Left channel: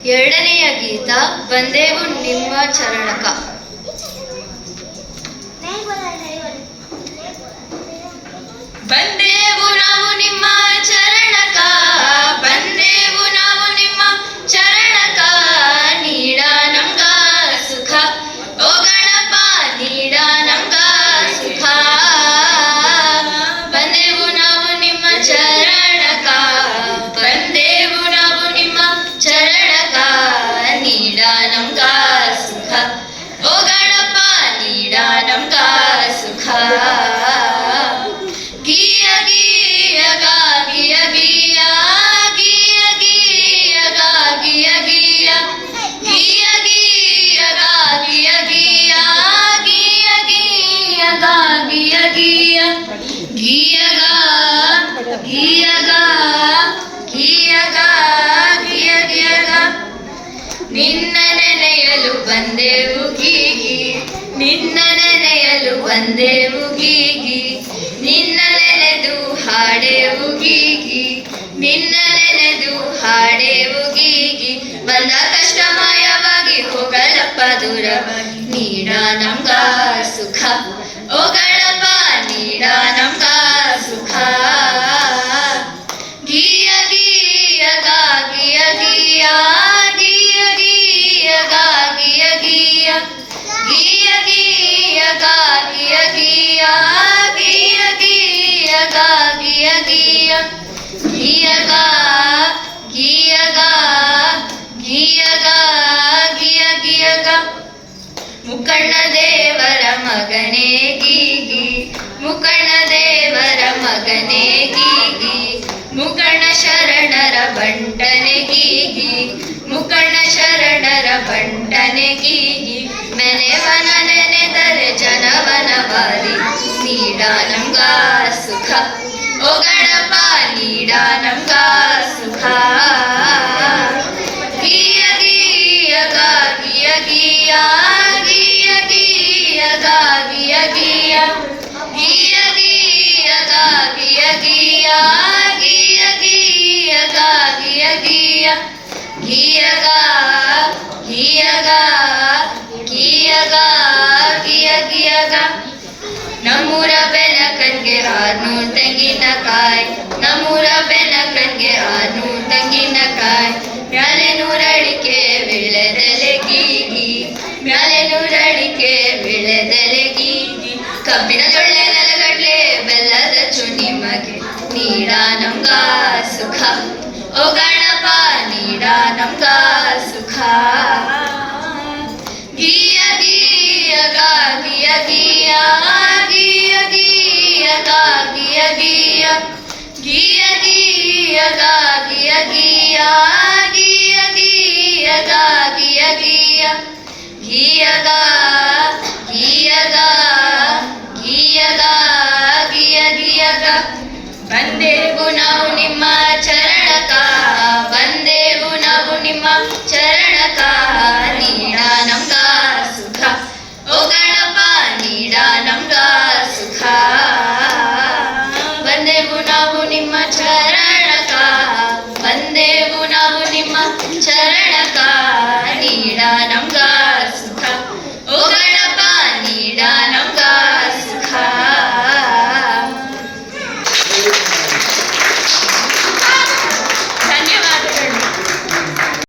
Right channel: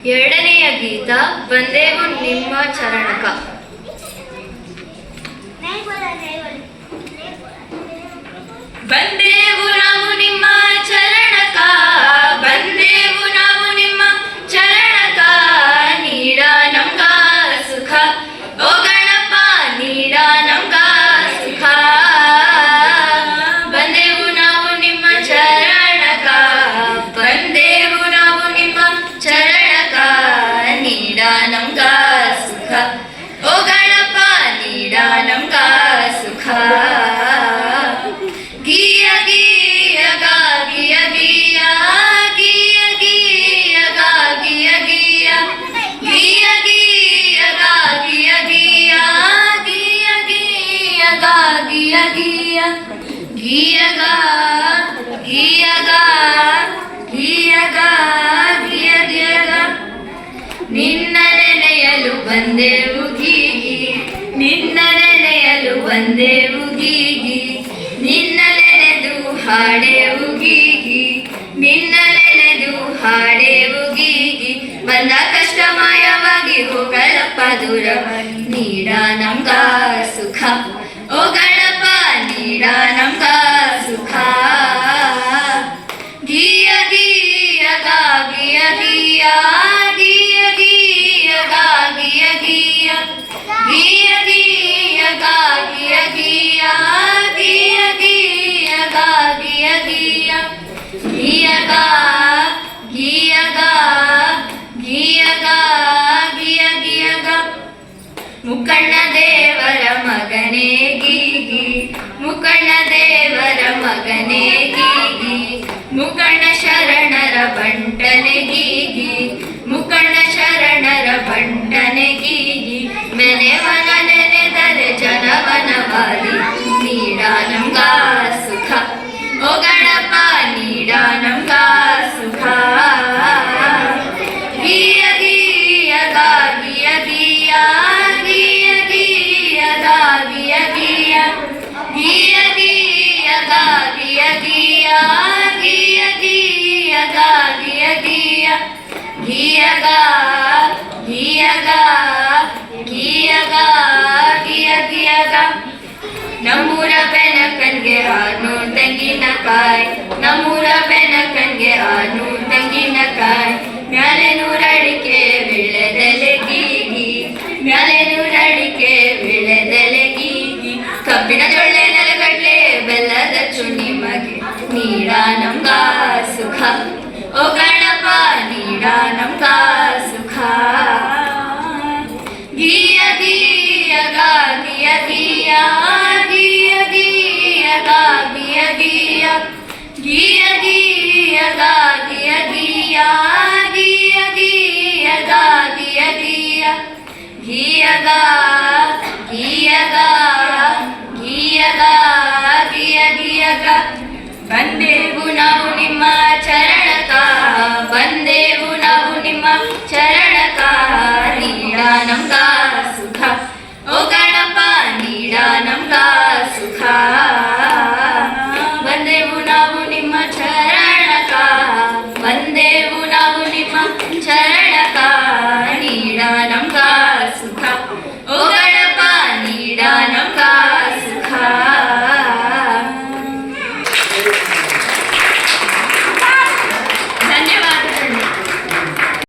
ಎರಡನೆಯ ಗೀತ ಬಂದೇವು ನಿಮ್ಮ ಚರಣಕ. ಬಂದೇವು ನಾವು ನಿಮ್ಮ ಚರಣಕ, ಬಂದೇವು ನಾವು ನಿಮ್ಮ ಚರಣಕ, ನೀಡ ನಮ್ಗ ಸುಖ ಓ ಗಣಪ, ನೀಡ ನಮ್ಗ ಸುಖ. ಬಂದೇವು ನಾವು ನಿಮ್ಮ ಚರಣಕ, ಬಂದೇವು ನಾವು ನಿಮ್ಮ ಚರಣಕ, ನೀಡ ನಮ್ಗ ಸುಖ ಓ ಗಣಪ, ನೀಡ ನಮ್ಗ ಸುಖ. ಗಿಯ ಗಿಯ ಗಾ ಗಿಯ ಗಿಯ, ಗಿಯ ಗಿಯ ಗಾ ಗಿಯ ಗಿಯ, ಗಿಯ ಗಿಯ ಗಾ ಗಿಯ ಗಿಯ, ಗಿಯ ಗಿಯ ಗಾ ಗಿಯ ಗಿಯ, ಗಿಯ ಗಾ ಗಿಯ ಗಾ ಗಿಯ ಗಾ ಗಿಯ ಗಿಯ ಗಾ. ನಿನ್ನ ನೆನೆಯಲು ಬಂದೆವು ಗೀಗಿ, ನಿನ್ನ ನೆನೆಯಲು ಬಂದೆವು ಗೀಗಿ, ನಿನ್ನ ನೆನೆದು ಹಾಡೆವು ಗೀಗಿ, ನಿನ್ನ ನೆನೆದು ಹಾಡೆವು ಗೀಗಿ. ಬಂದ ಕಷ್ಟ ಮಾಯವಾಗಿ ಹೋಗಳಪ್ಪ ದೂರ, ನೀಡ ನಮ್ಗ ಸುಖ ಓ ಗಣಪ, ನೀಡ ನಮ್ಗ ಸುಖ. ಗಿಯ ಗಿಯ ಗಾ ಗಿಯ ಗಿಯ, ಗಿಯ ಗಿಯ ಗಾ ಗಿಯ ಗಿಯ, ಗಿಯ ಗಿಯ ಗಾ ಗಿಯ ಗಿಯ, ಗಿಯ ಗಿಯ ಗಾ ಗಿಯ ಗಿಯ, ಗಿಯ ಗಾ ಗಿಯ ಗಾ ಗಿಯ ಗಾ ಗಿಯ ಗಿಯ ಗಾ. ಮುಕ್ಕಣ್ಣ ದೇವರ ಮಗನೇ ಗೀಗಿ, ಮುಕ್ಕಣ್ಣ ದೇವರ ಮಗನೇ ಗೀಗಿ, ಮುಕ್ಕಣ್ಣ ಶರಣರ ಬಂಟನೆ ಗೀಗಿ, ಮುಕ್ಕಣ್ಣ ಶರಣರ ಬಂಟನೆ ಗೀಗಿ. ಬೆನೆವನ ನೆನೆದರೆ ಜನವನ ಬಾಲಿ, ನೀಡ ನಮ್ಗ ಸುಖ ಓ ಗಣಪ, ನೀಡ ನಮ್ಗ ಸುಖ. ಗಿಯ ಗಿಯ ಗಾ ಗಿಯ ಗಿಯ, ಗಿಯ ಗಿಯ ಗಾ ಗಿಯ ಗಿಯ, ಗಿಯ ಗಿಯ ಗಾ ಗಿಯ ಗಿಯ, ಗಿಯ ಗಿಯ ಗಾ ಗಿಯ ಗಿಯ, ಗಿಯ ಗಾ ಗಿಯ ಗಾ ಗಿಯ ಗಾ ಗಿಯ ಗಿಯ ಗಾ. ನಮ್ಮೂರ ಬೆನಕನ್ಗೆ 600 ತೆಂಗಿನಕಾಯಿ, ನಮ್ಮೂರ ಬೆನಕನ್ಗೆ 600 ತೆಂಗಿನಕಾಯಿ. ಮ್ಯಾಲೆ 100 ಅಡಿಕೆ ವಿಳ್ಳೆದೆಲೆ ಗೀಗಿ, ಮ್ಯಾಲೆ 100 ಅಡಿಕೆ ವಿಳ್ಳೆದೆಲೆ ಗೀಗಿ. ಕಬ್ಬಿನ ಜೊಳ್ಳೆ ನೆಲಗಡ್ಲೆ ಬೆಲ್ಲದ ಚುನಿ ಮಗೆ, ನೀಡ ನಮ್ಗ ಸುಖ ಓ ಗಣಪ, ನೀಡ ನಮ್ಗ ಸುಖ. ಗಿಯ ಗಿಯ ಗಾ ಗಿಯ ಗಿಯ, ಗಿಯ ಗಿಯ ಗಾ ಗಿಯ ಗಿಯ, ಗಿಯ ಗಿಯ ಗಾ ಗಿಯ ಗಿಯ, ಗಿಯ ಗಿಯ ಗಾ ಗಿಯ ಗಿಯ, ಗಿಯ ಗಾ ಗಿಯ ಗಾ ಗಿಯ ಗಾ ಗಿಯ ಗಿಯ ಗಾ. ಬಂದೆವು ನಾವು ನಿಮ್ಮ ಚರಣಕ, ಬಂದೆವು ನಾವು ನಿಮ್ಮ ಚರಣಕ, ನೀಡ ನಮ್ಗ ಸುಖ ಓ ಗಣಪ, ನೀಡ ನಮ್ಗ ಸುಖ. ಬಂದೆವು ನಾವು ನಿಮ್ಮ ಚರಣಕ, ಬಂದೆವು ನಾವು ನಿಮ್ಮ ಚರಣ